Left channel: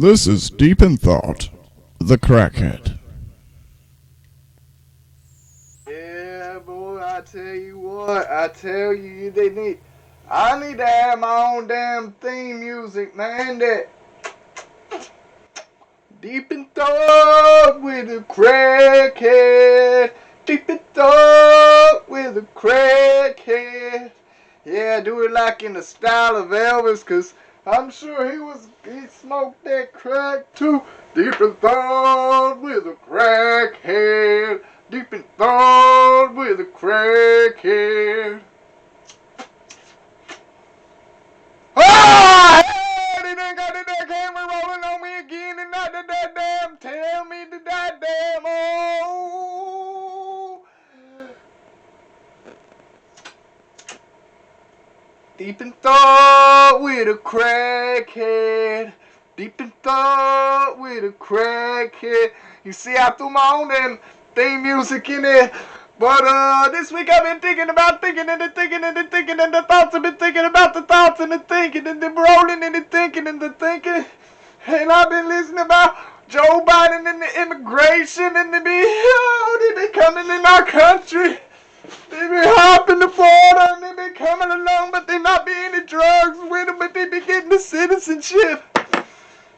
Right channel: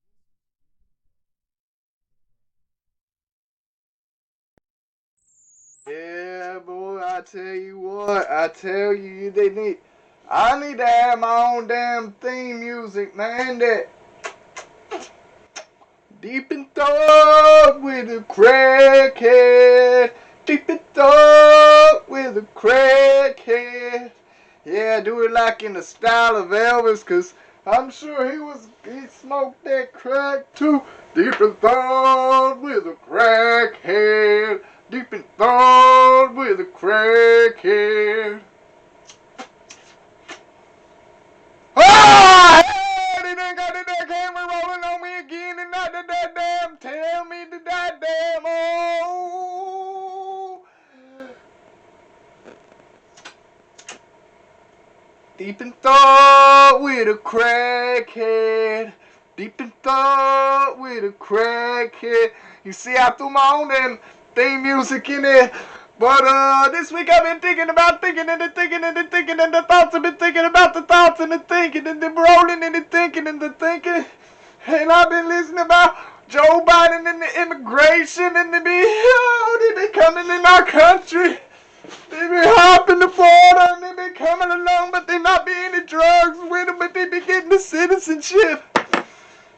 This is Deep in Thought, the Crackhead. Yeah, boy, I tell you, I need to have my own damn theme music, man, that Deep in Thought with a Crackhead, Deep in Thought with a Crackhead. Yeah, do it like in the style of Elvis, cause I'm sure he smoked that crack too. Deep in thought with a crackhead. Deep in thought with a crackhead. Ah! Hey, they done got that camera rolling on me again and not that damn. Tell me that damn. Oh. Deep in thought with a crackhead. Deep in thought with a crackhead. You see, I threw my own damn theme music in there. But this week I've been thinking about thinking and the thinking and the thinking and the thoughts. I've been thinking about the thoughts and the thinking and the rolling and the thinking and the thinking. And I've been listening about Joe Biden and the immigration and they be coming in our country. They be hopping the border and they be coming along, but they not be any drugs with them, but they be getting the citizenship.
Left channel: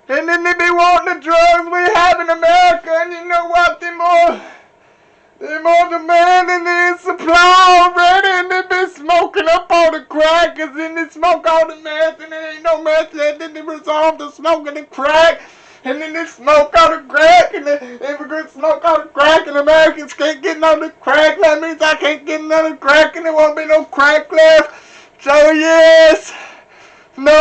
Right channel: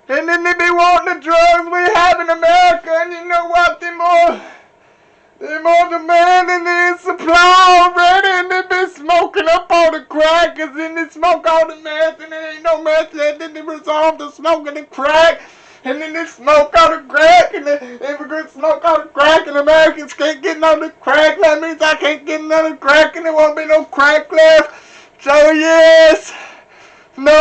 And then they be wanting the drugs we have in America, and you know what? They're more demanding than supply already, and they be smoking up all the crackers, and they smoke all the meth, and there ain't no meth yet, then they resolve to smoking the crack. And then they smoke out the crack, and the immigrants smoke out the crack, and Americans can't get none of the crack. That means I can't get none of the crack, and there won't be no crack left. So yes, no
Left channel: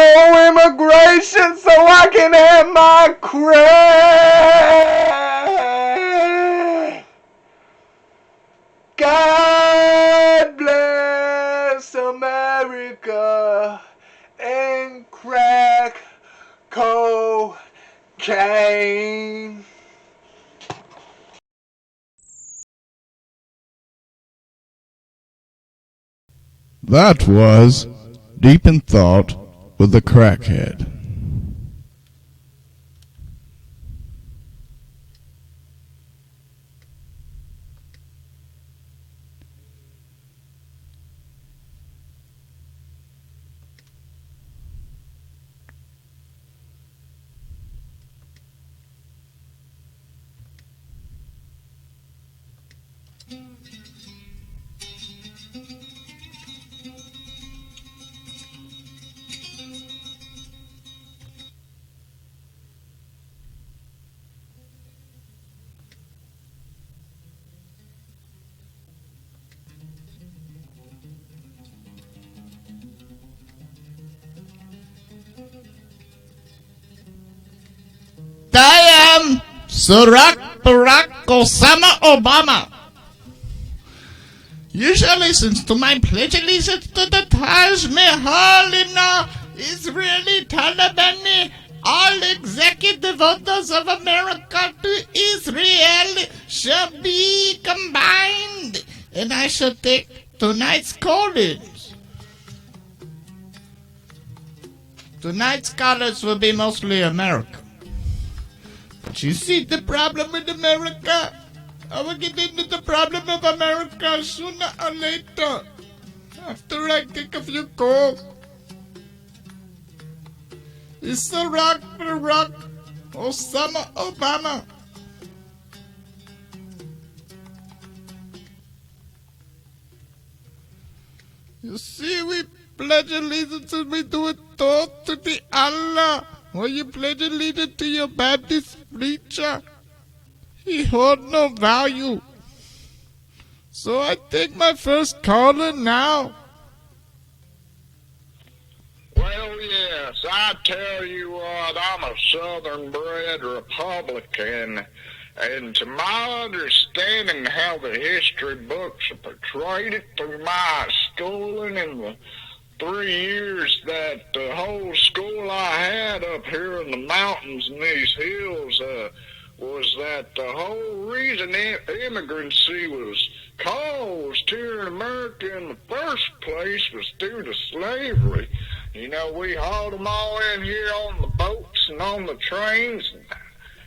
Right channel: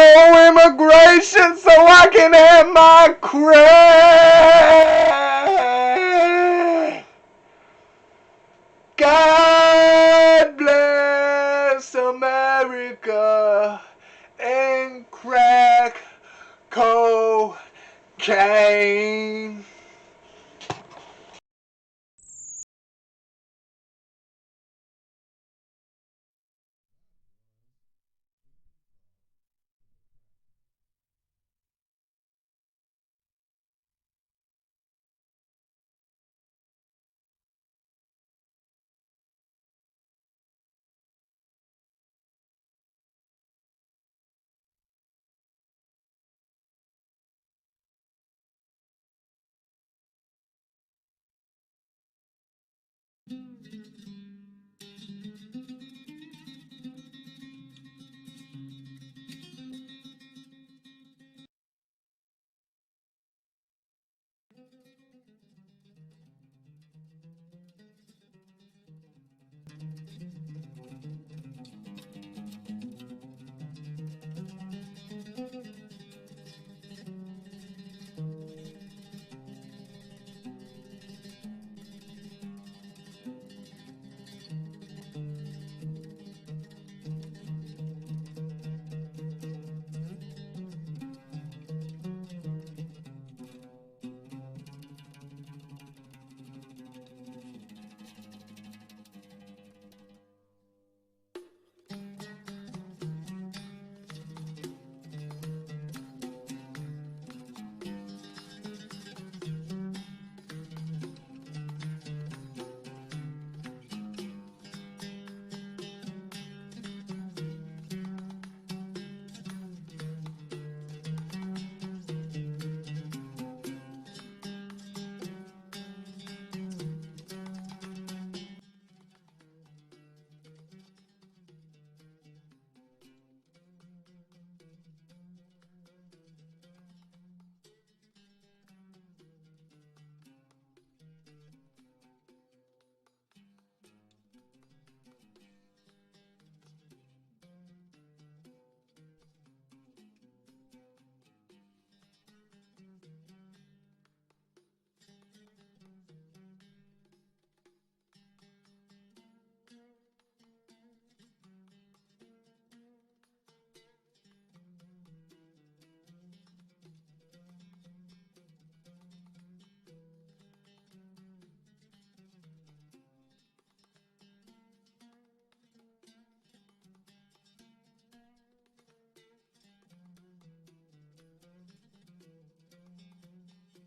immigration, so I can have my crack. God bless America and crack cocaine. That was Deep in Thought with the Crackhead. I am Barack Osama Obama. You shall listen to my pledge allegiance to the Taj Mahal in Israeli Talibani. All executive orders of America to Israel shall be combined. And I shall take tonight's callers. Tonight's callers will be mostly America. But you see the problem with America? I will get into the problem of America sooner or later. After I take a few calls. It's a rock for rock. Osama Obama. You see, we pledge allegiance and we do it all to the Allah. Or you pledge allegiance to your Baptist preacher. He hold no value. So I take my first caller now. Well, yes, I tell you what, I'm a Southern-bred Republican, and to my understanding how the history books have portrayed it through my schooling in the 3 years that the whole school I had up here in the mountains and these hills was that the whole reason immigrancy was caused here in America in the first place was due to slavery. You know, we hauled them all in here on the boats and on the trains, and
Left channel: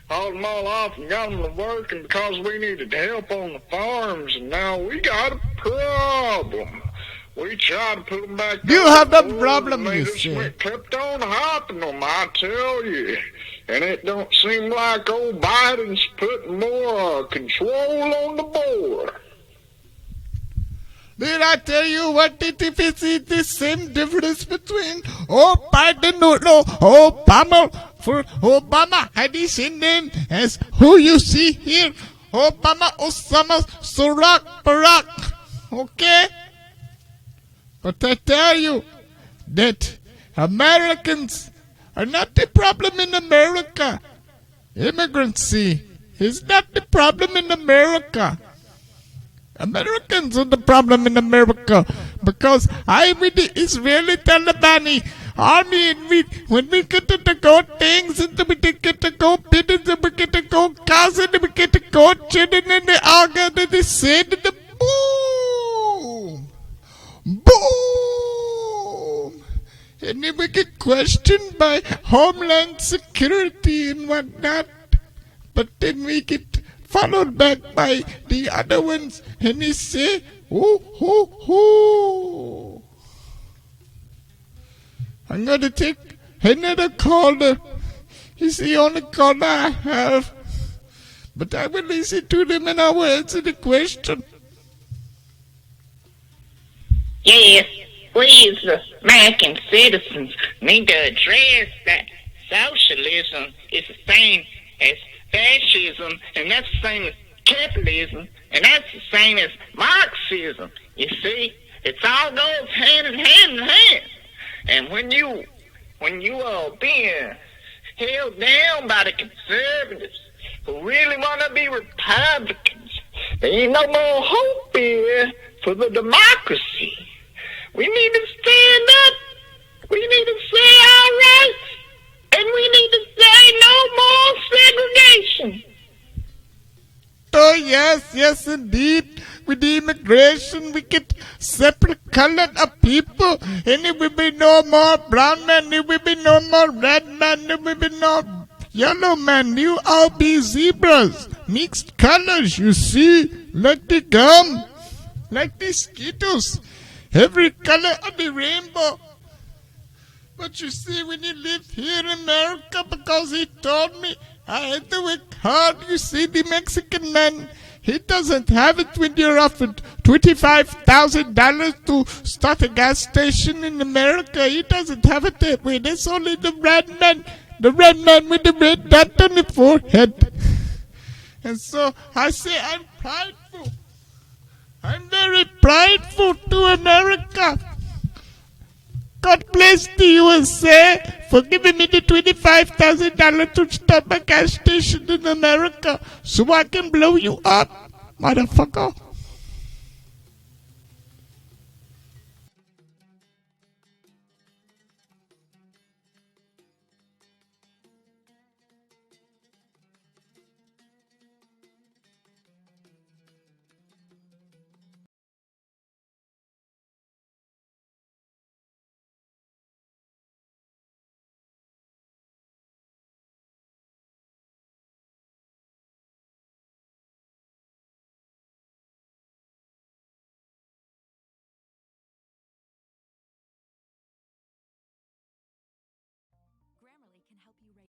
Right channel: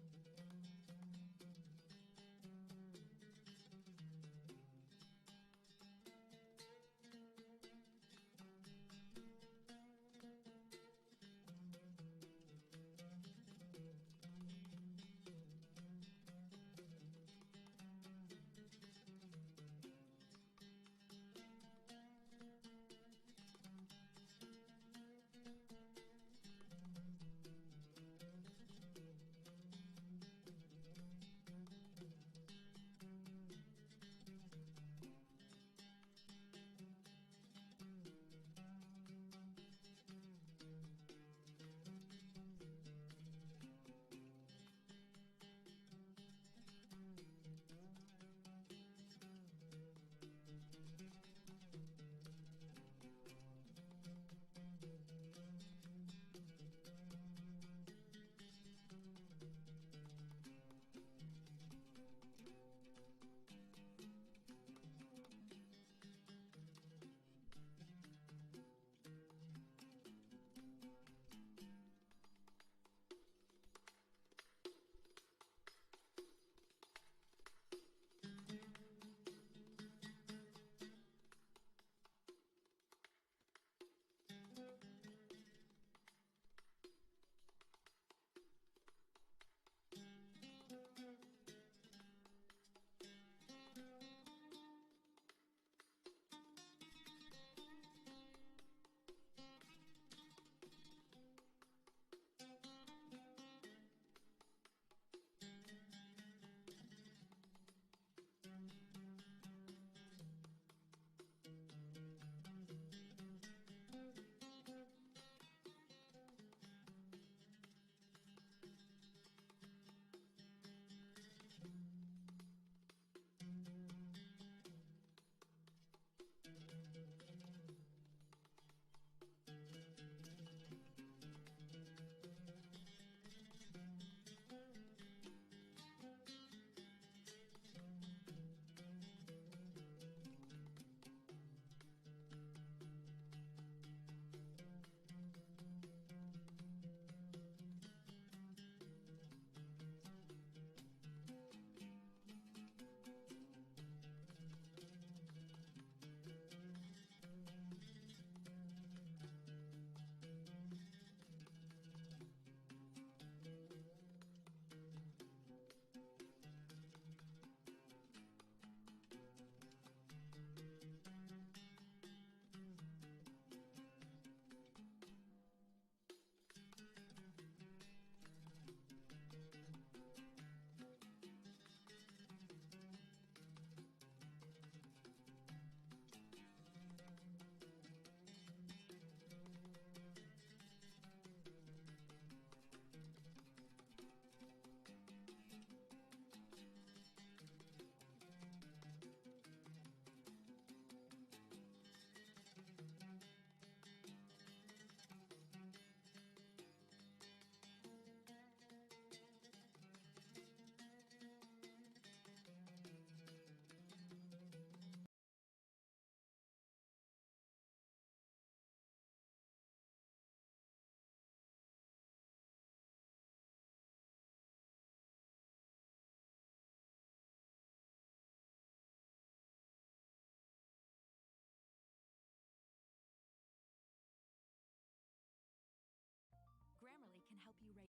hauled them all off and got them to work, and because we needed help on the farms, and now we got a problem. We tried to put them back. You on have the board, problem, and they you just see. kept on hopping them, I tell you. And it don't seem like old Biden's putting more control on the board. Did I tell you what it is the same difference between Biden, no, Obama? For Obama had the same name as who you see here. Obama, Osama, Barack. Okay? But I tell you that Americans are not the problem in America. Immigrancy is not the problem in America. Americans are the problem in America because I'm with the Israeli Taliban army, and when we get to go things, and we get to go business, and we get to go Gaza, and we get to go children, and they all got to the sand, and the boom, boom, and then we get questioned by Homeland Security and whatnot, but then we get followed back by the other ones, and they say, "Oh, ho, ho." I'm going to take another caller. He's the only caller I have. But I will listen to them and I will answer the question. Yes, we as American citizens need to address that socialism is the same as fascism, and that's the same as capitalism, and that's the same as Marxism. You see, it all goes hand in hand. And when you are being held down by the conservatives who really want to be Republicans, there ain't no more hope here for the democracy. We need to stand up. We need to say our rights. And we need to say no more segregation. Oh, yes, indeed. With the immigration, we get separate colored of people. And there will be no more brown man, there will be no more red man, there will be no yellow man. You all be zebras. Mixed colors, you see. Like the gum. Like the Skittles. Every color of the rainbow. But you see, when you live here in America, because he told me I had to work hard, you see, the Mexican man, he doesn't have it when you're offered $25,000 to start a gas station in America. He doesn't have it that way. That's only the red man with the red dot on the forehead. And so I say I'm prideful. I'm very prideful to America. God bless the USA for giving me the $25,000 to start my gas station in America so I can blow you up, motherfucker. Grammarly can help you write.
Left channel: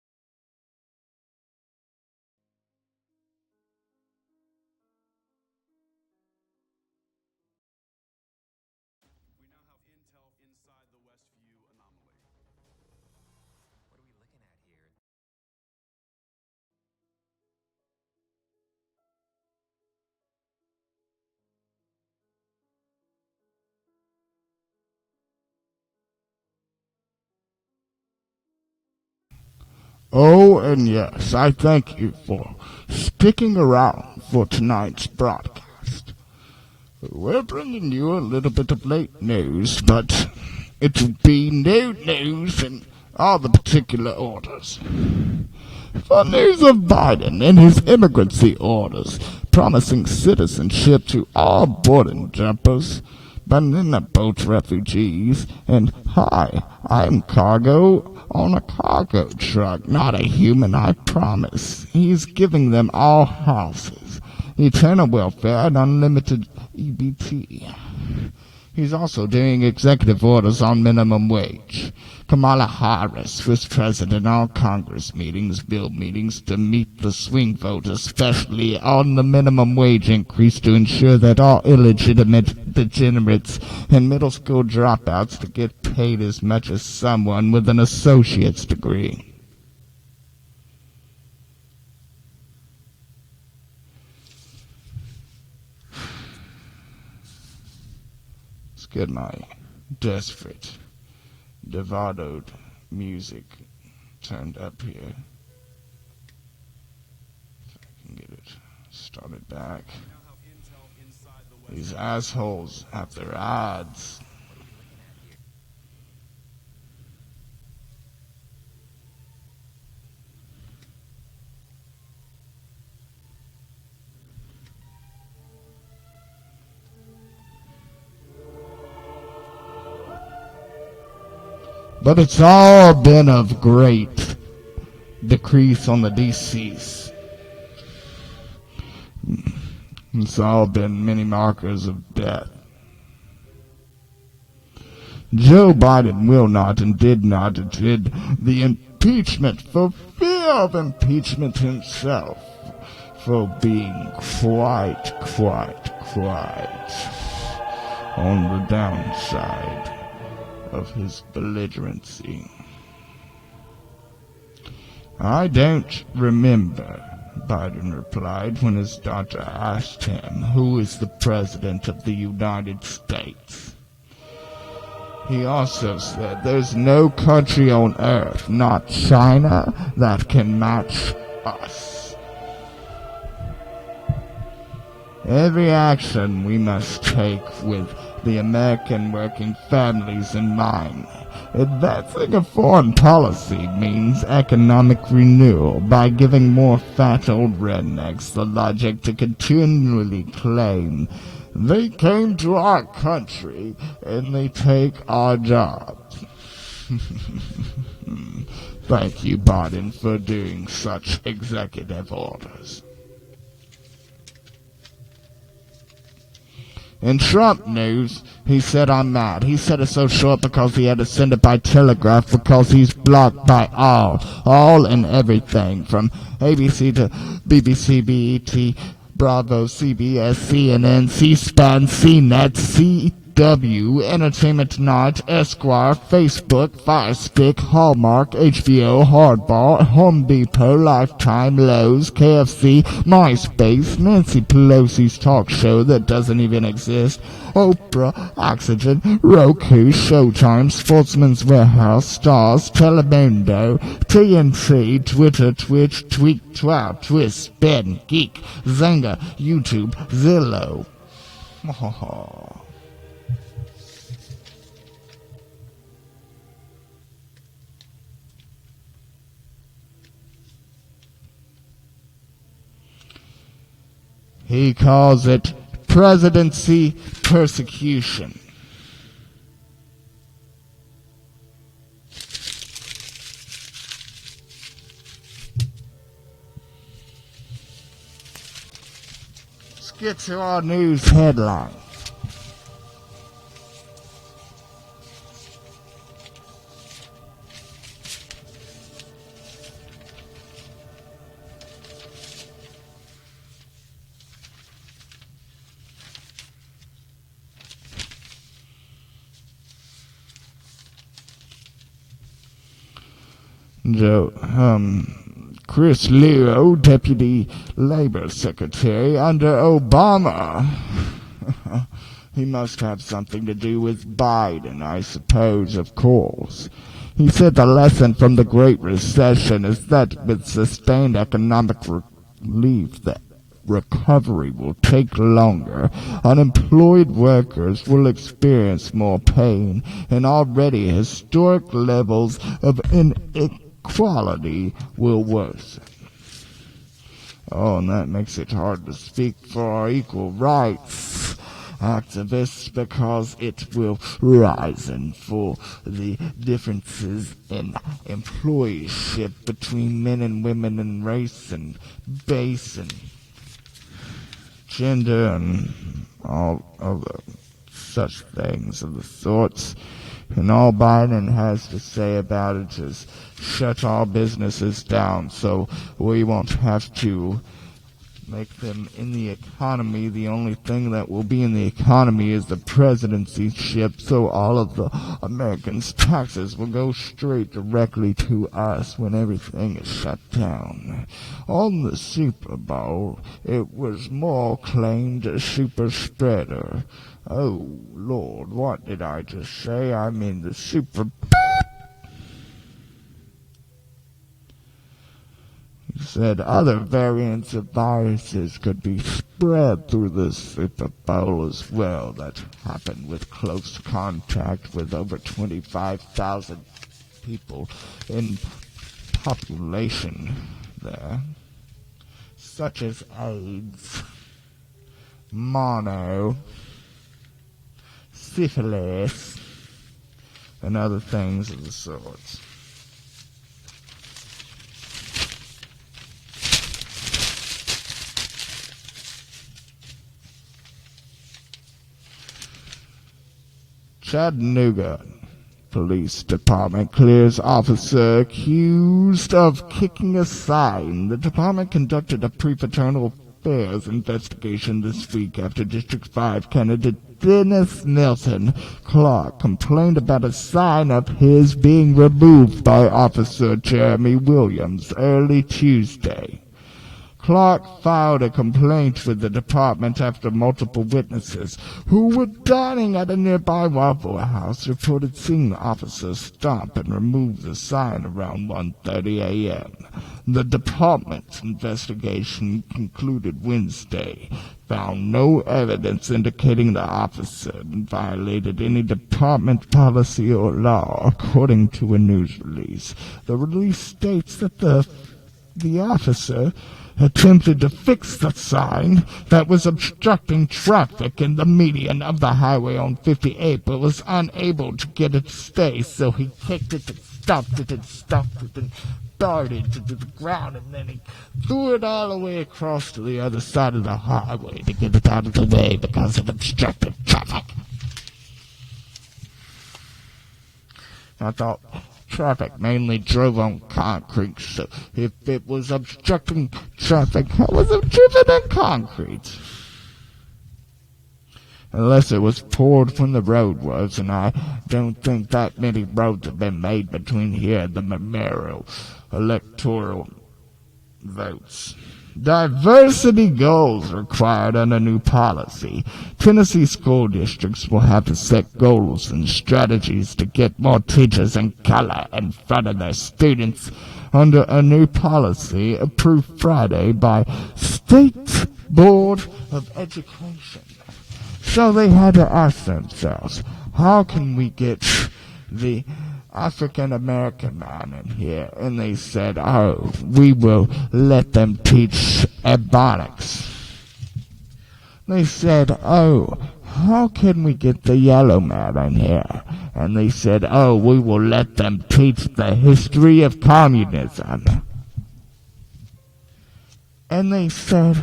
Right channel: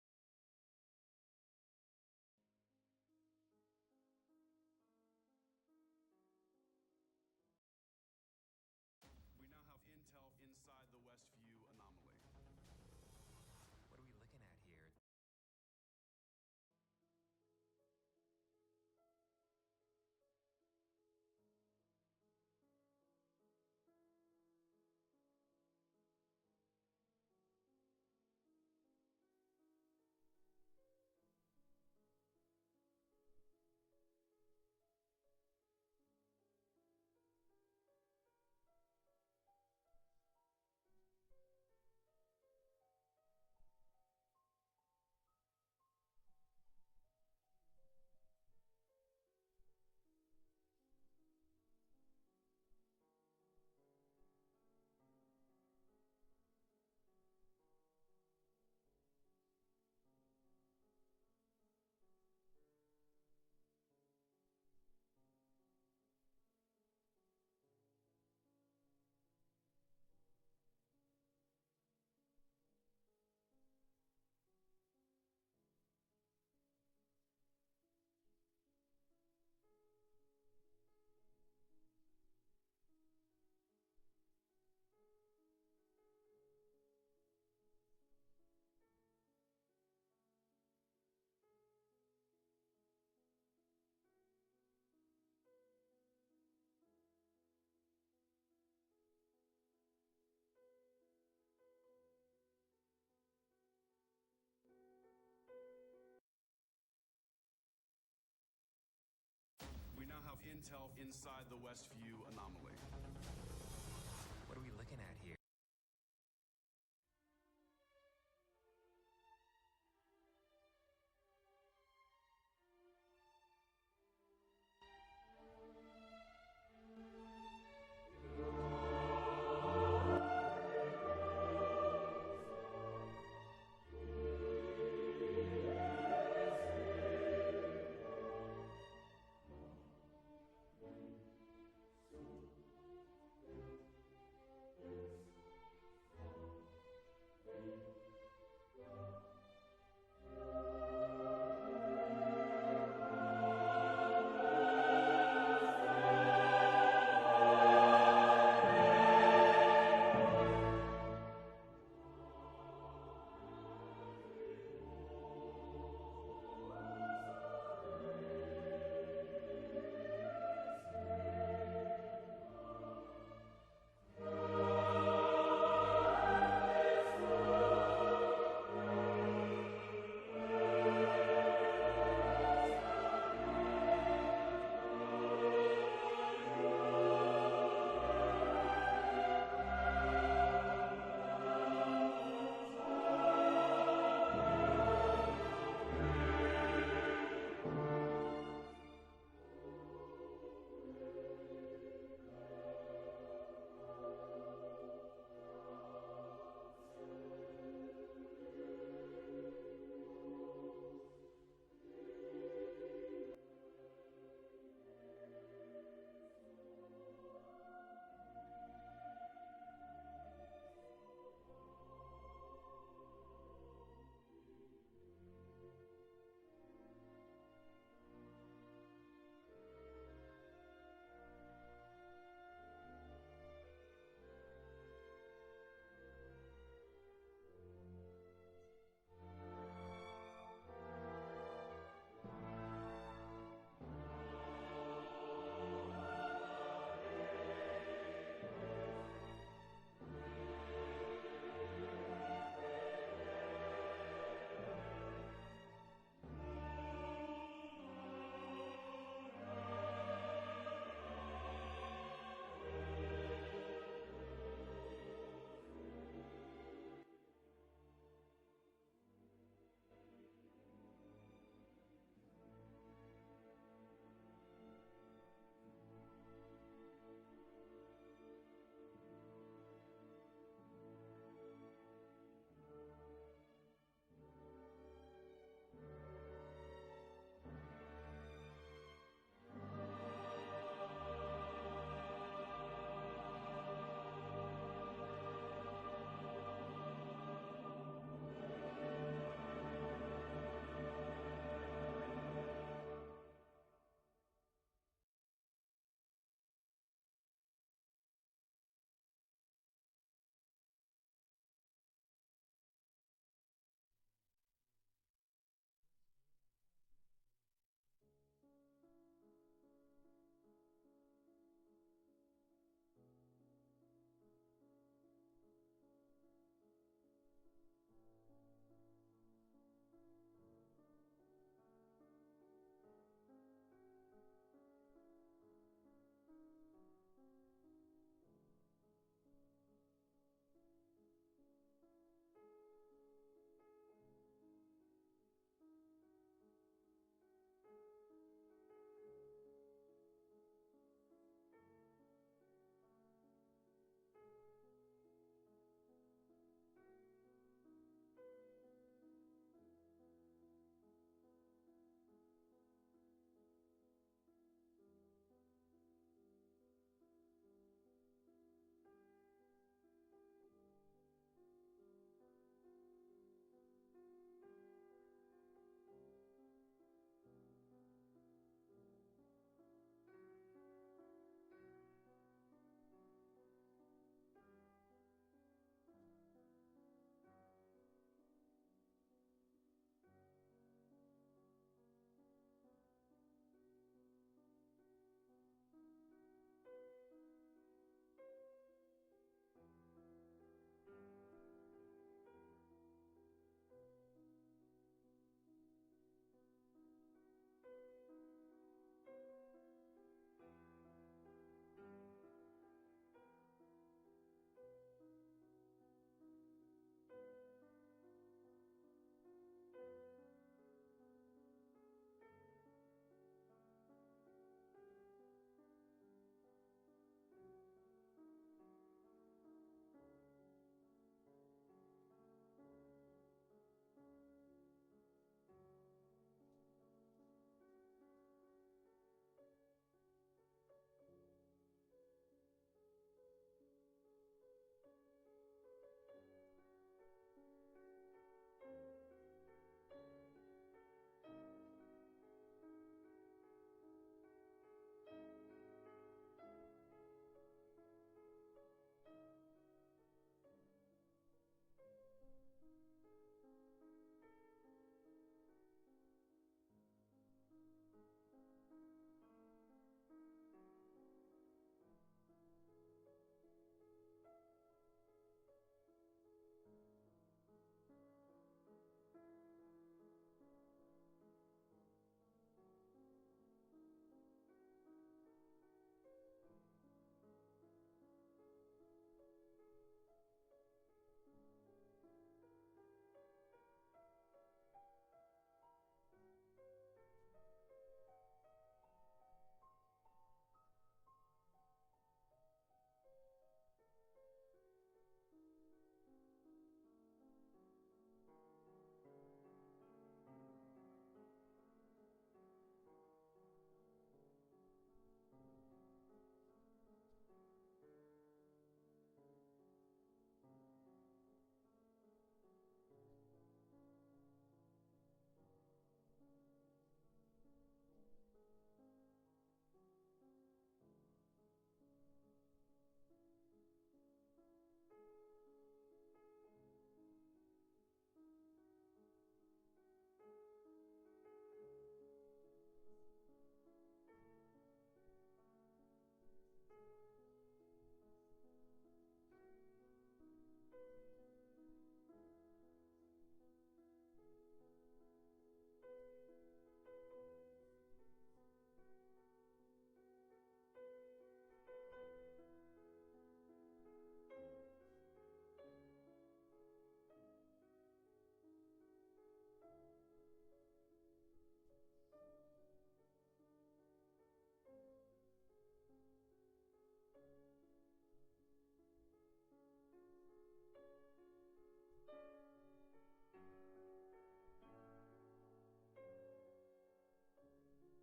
We now have intel inside the Westview anomaly. What are we looking at here? Oh, and yes, I thank you for sticking around for tonight's broadcast. We're bringing you a little bit of late news, but it will be no news in all the particular orders. For news of Biden and his immigrancy orders promising citizenship to all boarding jumpers, but then they're both refugees, and hi, I'm cargo on a cargo truck, not a human, I promise. He's giving them all houses, eternal welfare, and unlimited EBT. He's also doing executive orders on minimum wage. Kamala Harris was present in all Congress meetings, bill meetings, to meet the swing vote, especially on the minimum wage increase, to ensure that all illegitimate degenerates and middle school dropouts to get paid as much as someone with an associate's degree. Let's get my desperate, devadoed music turned up here. If I can get it started back. We now have intel inside the West. These assholes have their ads. What are we looking at here? But it's all been of great decrease on the deceased. It's all been many markers of death. Joe Biden will not and did not attend the impeachment for fear of impeachment himself, for being quite on the downside of his belligerency. I don't remember, Biden replied when his daughter asked him who is the President of the United States. He also said there's no country on earth, not China, that can match us. Every action we must take with the American working families in mind. Advancing a foreign policy means economic renewal by giving more fat old rednecks the logic to continually claim they came to our country and they take our jobs. Thank you, Biden, for doing such executive orders. In Trump news, he said I'm mad. He said it's so short because he had to send it by telegraph because he's blocked by all and everything, from ABC to BBC, BET, Bravo, CBS, CNN, C-SPAN, CNET, CW, Entertainment Tonight, Esquire, Facebook, Firestick, Hallmark, HBO, Hardball, Home Depot, Lifetime, Lowe's, KFC, MySpace, Nancy Pelosi's talk show that doesn't even exist, Oprah, Oxygen, Roku, Showtime, Sportsman's Warehouse, Stars, Telemundo, TNT, Twitter, Twitch, Tweak, Twat, Twist, Spin, Geek, Zynga, YouTube, Zillow. He calls it presidency persecution. Let's get to our news headline. Chris Leo, Deputy Labor Secretary under Obama. He must have something to do with Biden, I suppose, of course. He said the lesson from the Great Recession is that with sustained economic relief, the recovery will take longer. Unemployed workers will experience more pain, and already historic levels of inequality will worsen. Oh, and that makes it hard to speak for our equal rights. activists because it will rise for the differences in employeeship between men and women and race and base and gender and all other such things of the sorts. And all Biden has to say about it is shut all businesses down so we won't have to make them in the economy. The only thing that will be in the economy is the presidency ship, so all of the Americans' taxes will go straight directly to us when everything is shut down. On the Super Bowl, it was more claimed a super spreader. Oh, Lord, what did I just say? I mean the Super He said other variants of viruses could be spread through the Super Bowl as well. That happened with close contact with over 25,000 people in population there, such as AIDS, mono, syphilis, and other things of the sorts. Chattanooga Police Department clears officer accused of kicking a sign. The department conducted a prefraternal affairs investigation this week after District 5 candidate Dennis Nelson Clark complained about a sign of his being removed by Officer Jeremy Williams early Tuesday. Clark filed a complaint with the department after multiple witnesses who were dining at a nearby Waffle House reported seeing the officer stop and remove the sign around 1:30 a.m. The department's investigation concluded Wednesday found no evidence indicating the officer violated any department policy or law, according to a news release. The release states that the officer attempted to fix the sign that was obstructing traffic in the median of the highway on 58, but was unable to get it to stay, so he kicked it and stopped it and darted to the ground, and then he threw it all the way across to the other side of the highway to get it out of the way because it obstructed traffic. I thought traffic mainly drove on concrete, so if it was obstructing traffic, how was it driven in concrete? Unless it was poured when the road was, and I don't think that many roads have been made between here and the memorial electoral votes. Diversity goals required under new policy. Tennessee school districts will have to set goals and strategies to get more teachers in color in front of their students under a new policy approved Friday by State Board of Education. So they had to ask themselves, how can we get the African American man in here? And they said, oh, we will let them teach ebonics. They said, oh, how can we get the yellow man in here? And they said, oh, we will let them teach the history of communism. And they said,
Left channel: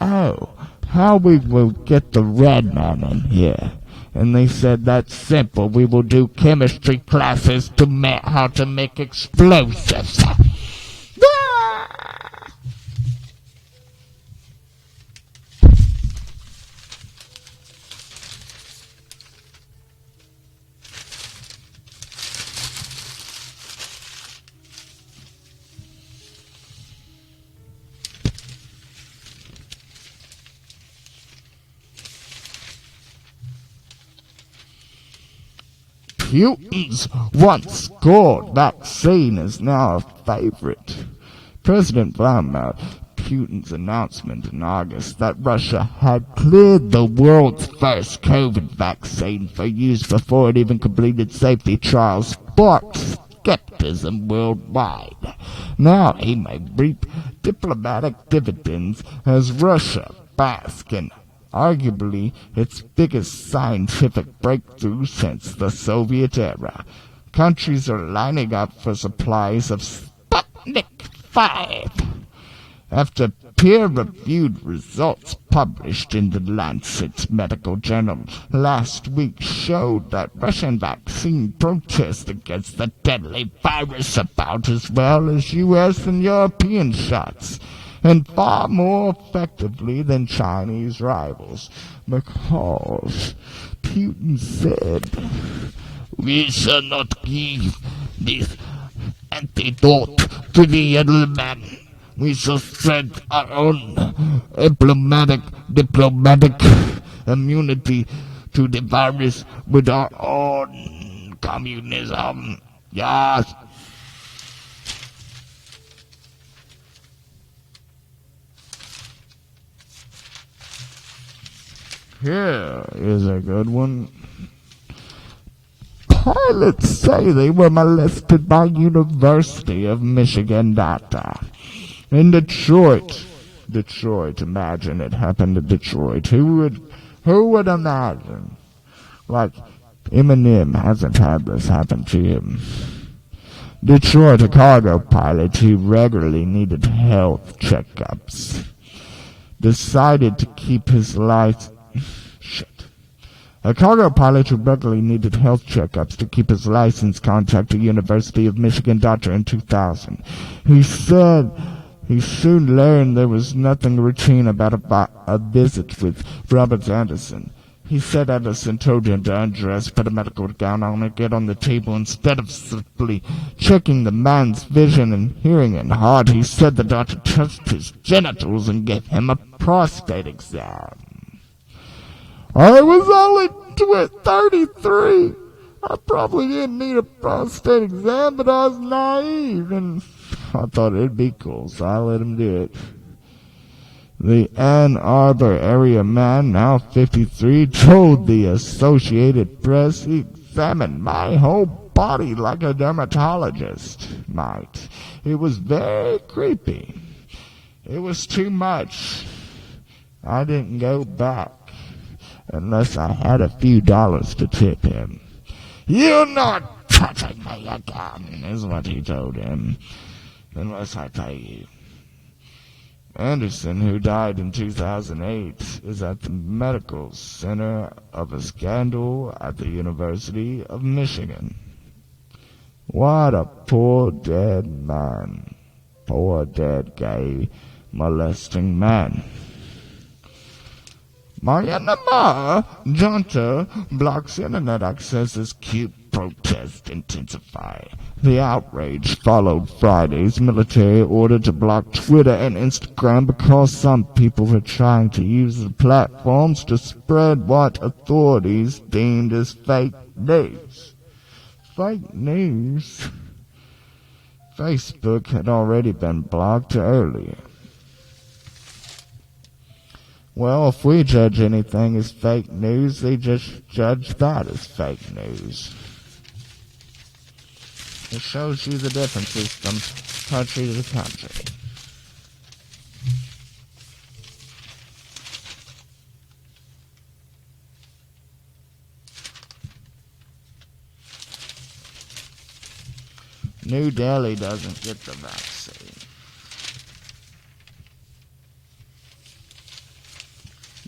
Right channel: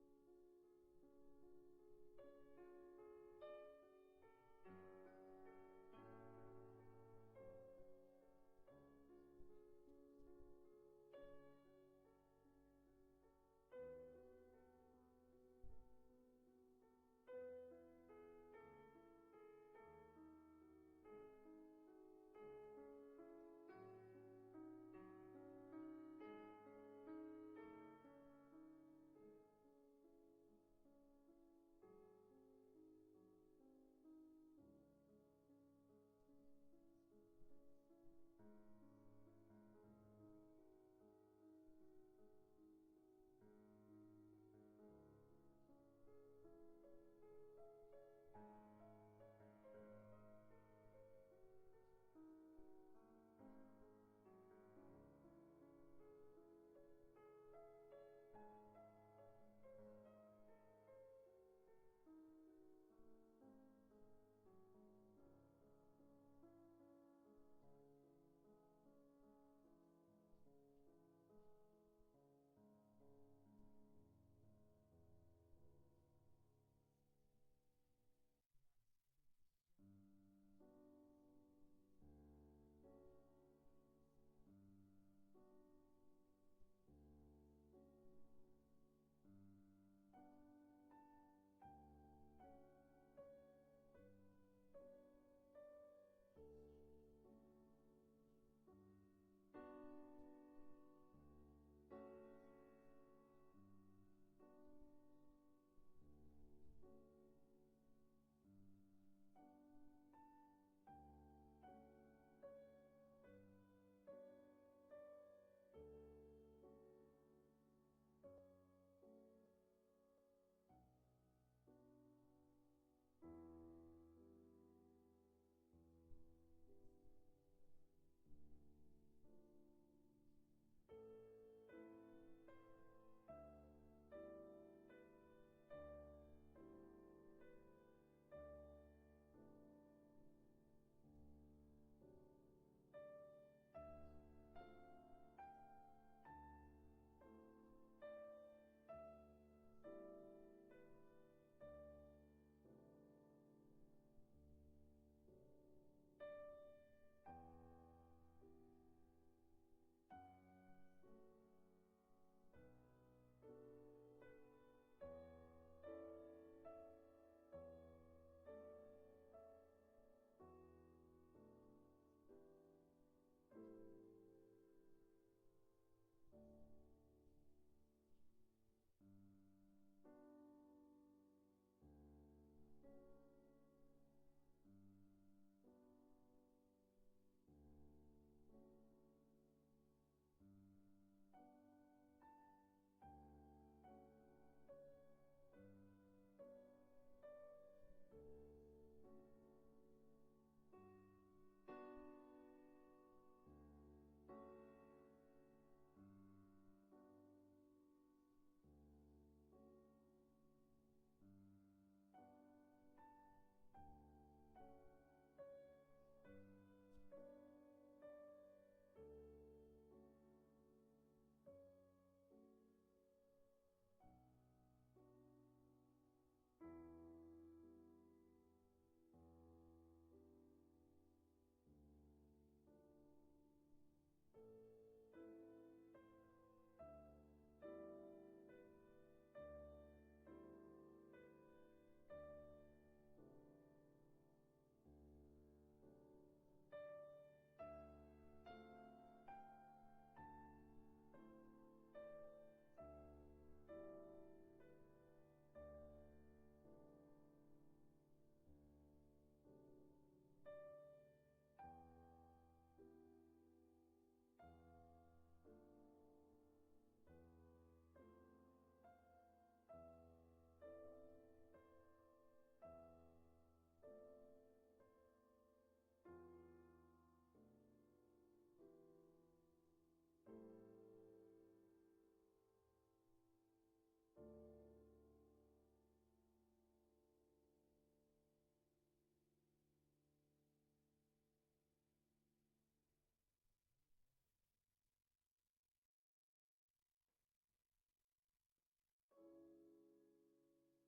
oh, how we will get the red man in here? And they said, that's simple. We will do chemistry classes to how to make explosives. Putin's once scored vaccine is now a favorite. President Vladimir Putin's announcement in August that Russia had cleared the world's first COVID vaccine for use before it even completed safety trials sparked skepticism worldwide. Now he may reap diplomatic dividends as Russia basks in arguably its biggest scientific breakthrough since the Soviet era. Countries are lining up for supplies of Sputnik 5. After peer-reviewed results published in the Lancet Medical Journal last week showed that Russian vaccine protests against the deadly virus about as well as U.S. and European shots, and far more effectively than Chinese rivals, because Putin said, "We shall not give this antidote to the enemy. We shall spread our own diplomatic immunity to the virus with our own communism." Yes. Here is a good one. Pilots say they were molested by University of Michigan data. In Detroit, imagine it happened in Detroit. Who would imagine? Like, Eminem hasn't had this happen to him. Detroit, a cargo pilot who regularly needed health checkups, decided to keep his life. A cargo pilot who regularly needed health checkups to keep his license contacted University of Michigan doctor in 2000. He said he soon learned there was nothing routine about a visit with Robert Anderson. He said Anderson told him to undress, put a medical gown on, and get on the table instead of simply checking the man's vision and hearing and heart. He said the doctor touched his genitals and gave him a prostate exam. I was only 33. I probably didn't need a prostate exam, but I was naive, and I thought it'd be cool, so I let him do it. The Ann Arbor area man, now 53, told the Associated Press he examined my whole body like a dermatologist might. It was very creepy. It was too much. I didn't go back unless I had a few dollars to tip him. "You're not touching me again," is what he told him, "unless I pay you." Anderson, who died in 2008, is at the medical center of a scandal at the University of Michigan. What a poor dead man. Poor dead gay molesting man. Myanmar junta blocks internet access as coup protests intensify. The outrage followed Friday's military order to block Twitter and Instagram because some people were trying to use the platforms to spread what authorities deemed as fake news. Fake news? Facebook had already been blocked earlier. Well, if we judge anything as fake news, they just judge that as fake news. It shows you the differences from country to country. New Delhi doesn't get the vaccine.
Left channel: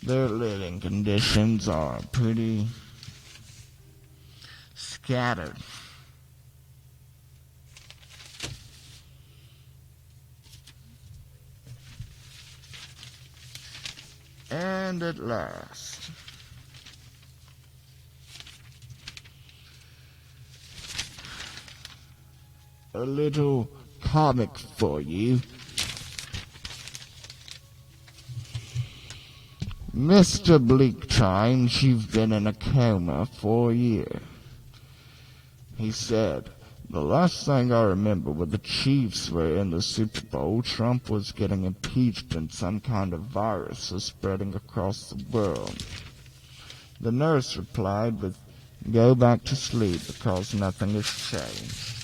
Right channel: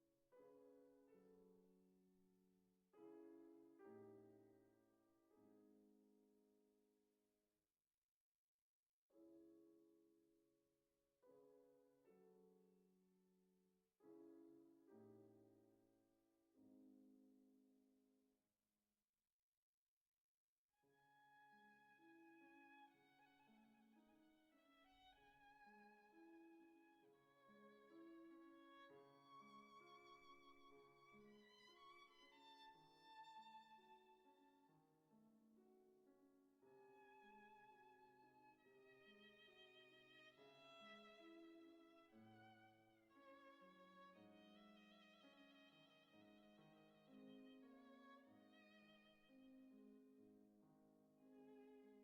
Their living conditions are pretty scattered. And at last, a little comic for you. Mr. Bleak Times, you've been in a coma for a year. He said, "The last thing I remember when the Chiefs were in the Super Bowl, Trump was getting impeached and some kind of virus was spreading across the world." The nurse replied with, "Go back to sleep because nothing has changed."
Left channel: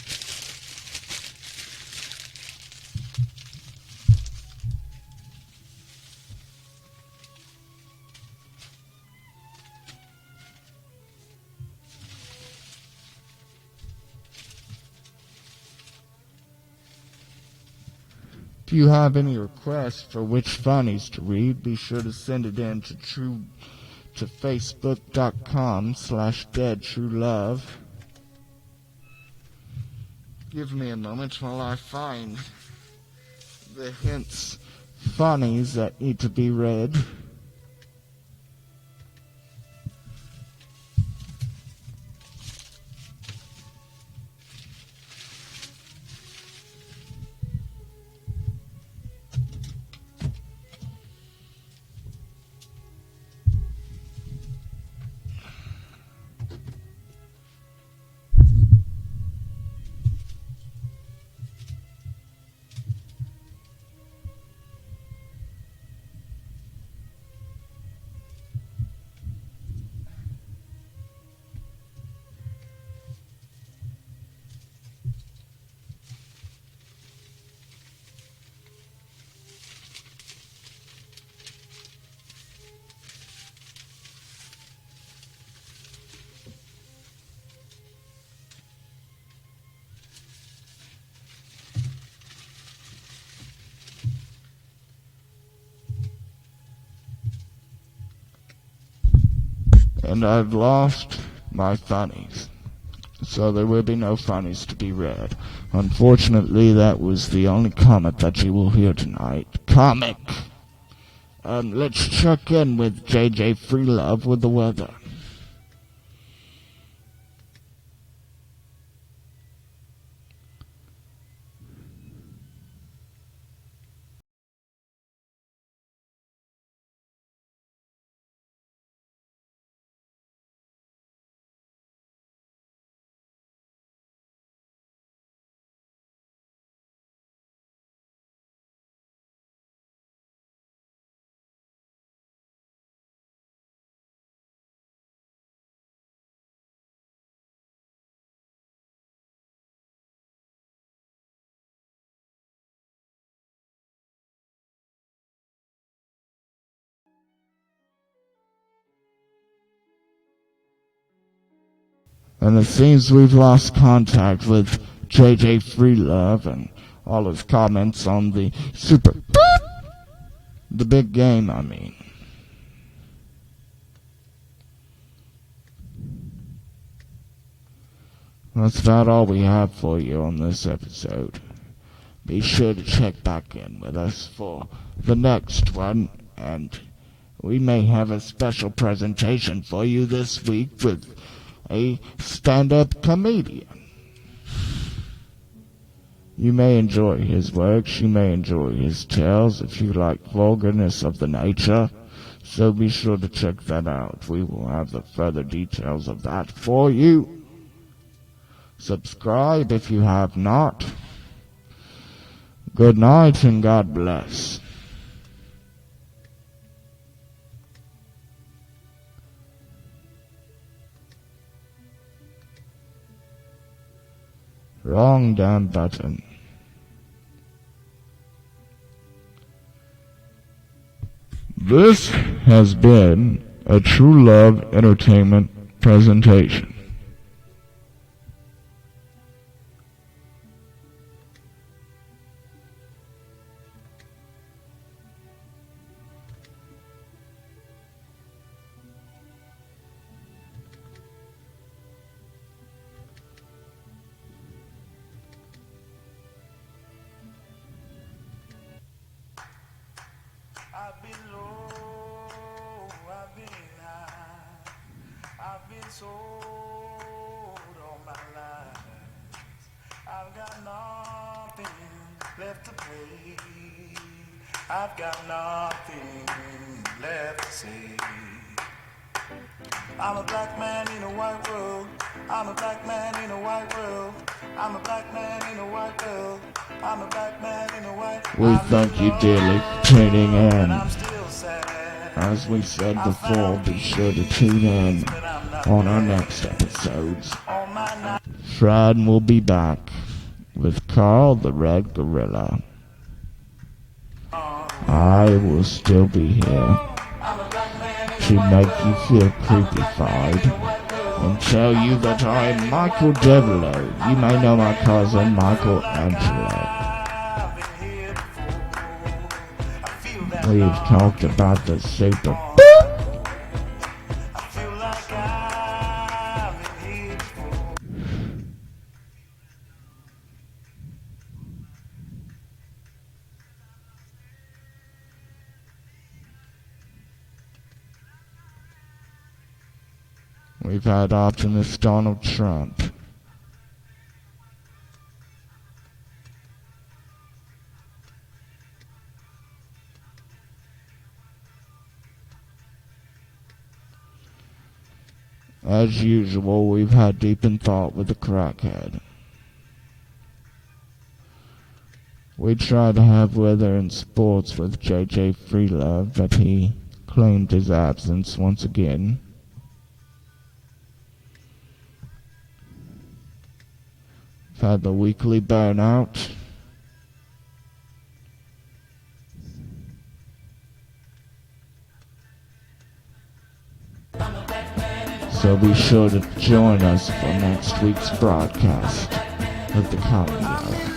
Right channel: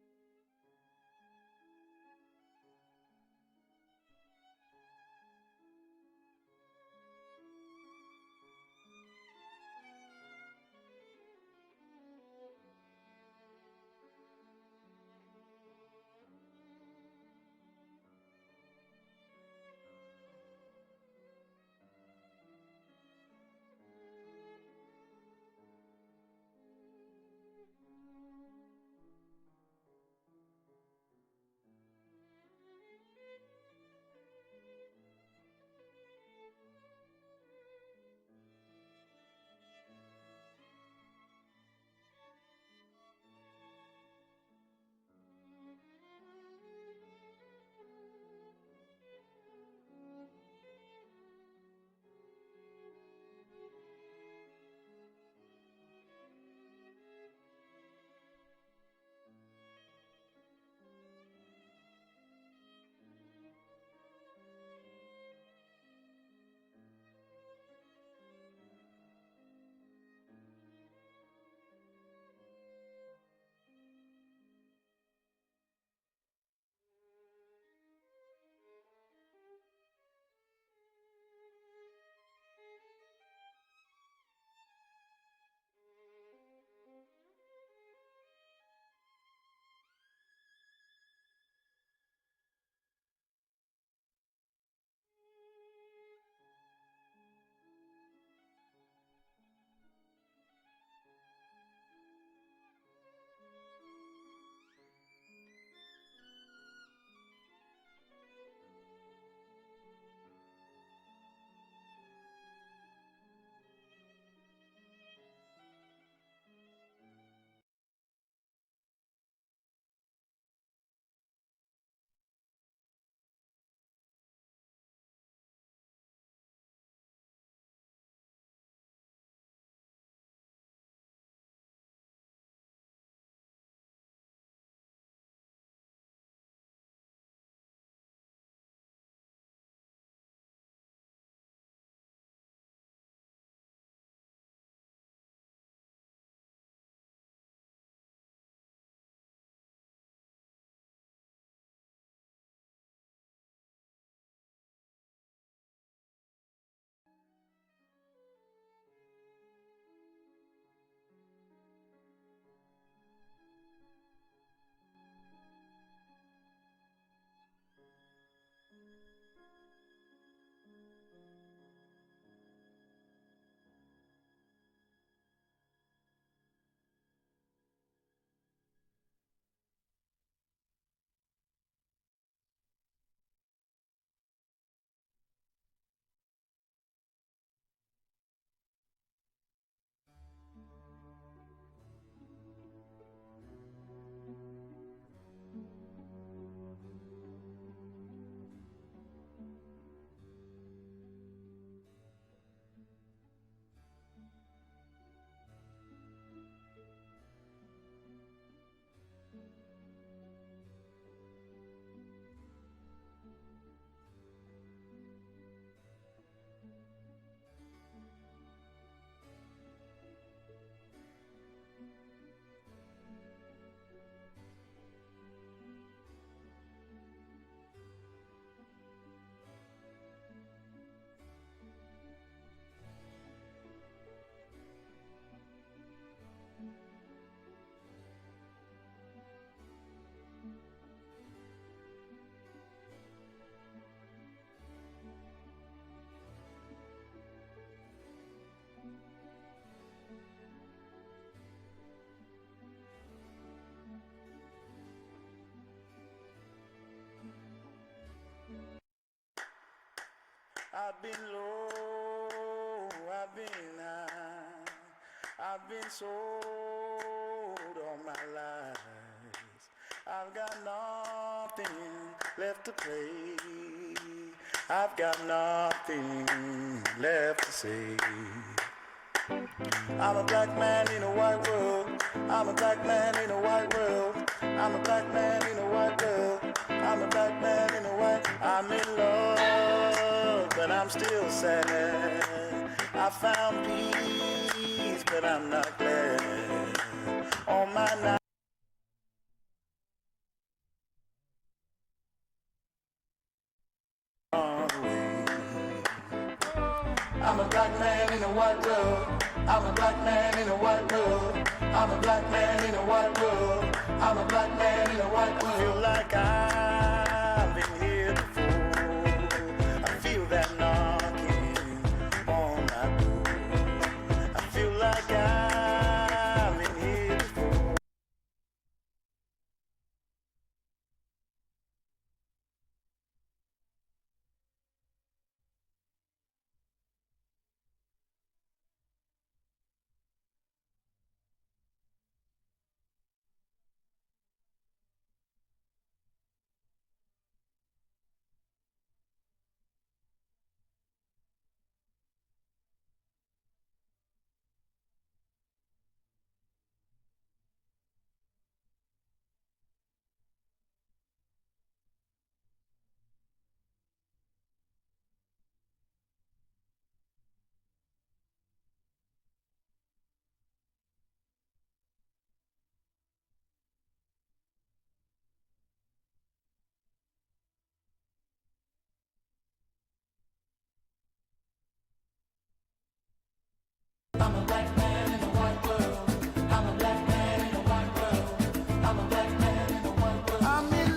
If you have any requests for which funnies to read, be sure to send it in to facebook.com/deadtruelove. Give me a moment while I find the hints funnies that need to be read. And I've lost my funnies, so there will be no funnies to be read. Unfortunately, that was the only comment that you will hear tonight. Comic! Let's check in with JJ Freelove with the weather. And it seems we've lost contact with JJ Freelove and all his comments on the the big game, I mean. That's about all we have for you on this episode. Be sure to check back in with us for the next one, and we may have a special presentation for you this week with a stand-up comedian. You may enjoy his works, you may enjoy his tales if you like vulgarness of the nature, so be sure to check that out. We will have the further details of that for you. Subscribe if you have not. Good night and God bless. Wrong damn button. This has been a True Love Entertainment presentation. I've been low, I've been high, I've been sold all my life. I've got nothing left to pay. I've got nothing left to say. I'm a black man in a white world. I'm a black man in a white world. I'm a black man in a white world. I'm a black man in a white world. We thank you dearly for tuning in. I'm still sad. As we said before, be sure to tune in on our next episodes. Fred will be back with Carl the Red Gorilla. I will still be here to make you feel creepified and tell you that I am Michael Devereaux. You may know my cousin Michael Angelo. We've talked about the super. I feel like I've been here before. We've had optimist Donald Trump. As usual, we've had deep in thought with the crackhead. We tried to have weather and sports with J.J. Freelove, but he claimed his absence once again. We've had the weekly burnout. So be sure to join us for next week's broadcast of the Comedy.